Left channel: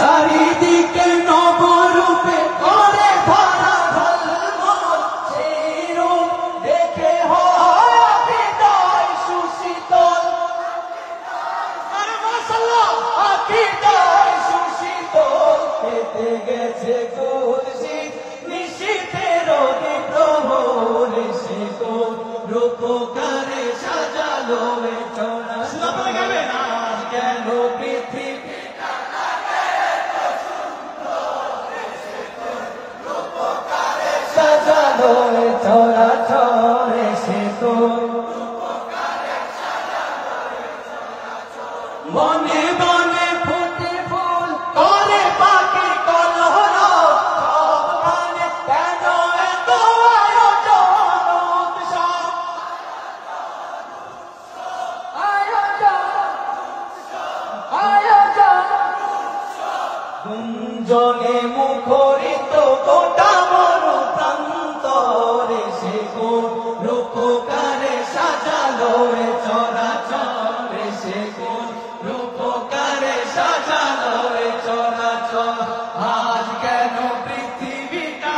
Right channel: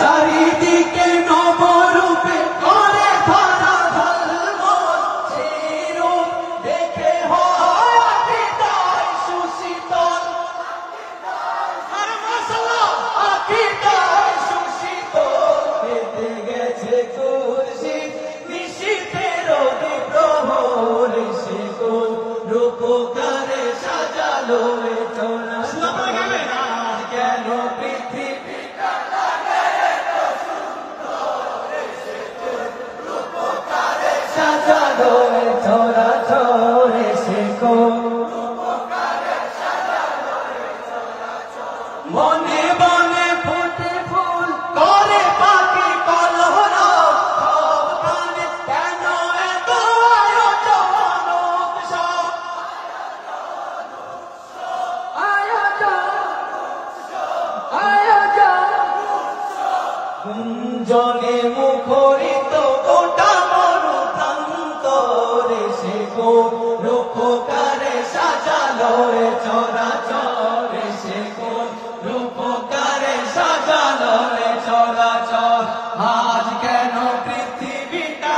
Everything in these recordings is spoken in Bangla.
চারিদিকে নবরূপে করে ভরা ঝলমল, সেই রূপ দেখে হয় আকীদায় সুশীতল। আর মাশাআল্লাহ আকীদায় সুশীতল, পেতে গেছে খুরশিদ নিশীথের বিপ্রহর, শিকল রূপকারে সাজালো এ চরা। আপনারা গাইবেন কেন পৃথিবী সাজালো চরা চরে শিকল। বনে বনে ফুটে ফুল করে পাখি কলরব, সবখানে কেন এত আয়োজন উৎসব। গুঞ্জনে মুখরিত গোটা বড় প্রান্তরে, শিকল রূপকারে সাজালো এ চরাচরে, শিকল রূপকারে সাজালো এ চরাচর। আজ কেন পৃথিবীটা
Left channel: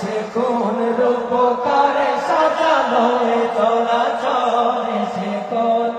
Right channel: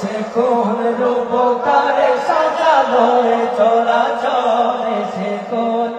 শিকল রূপকারে সাজালো এ চরাচরে, শিকল।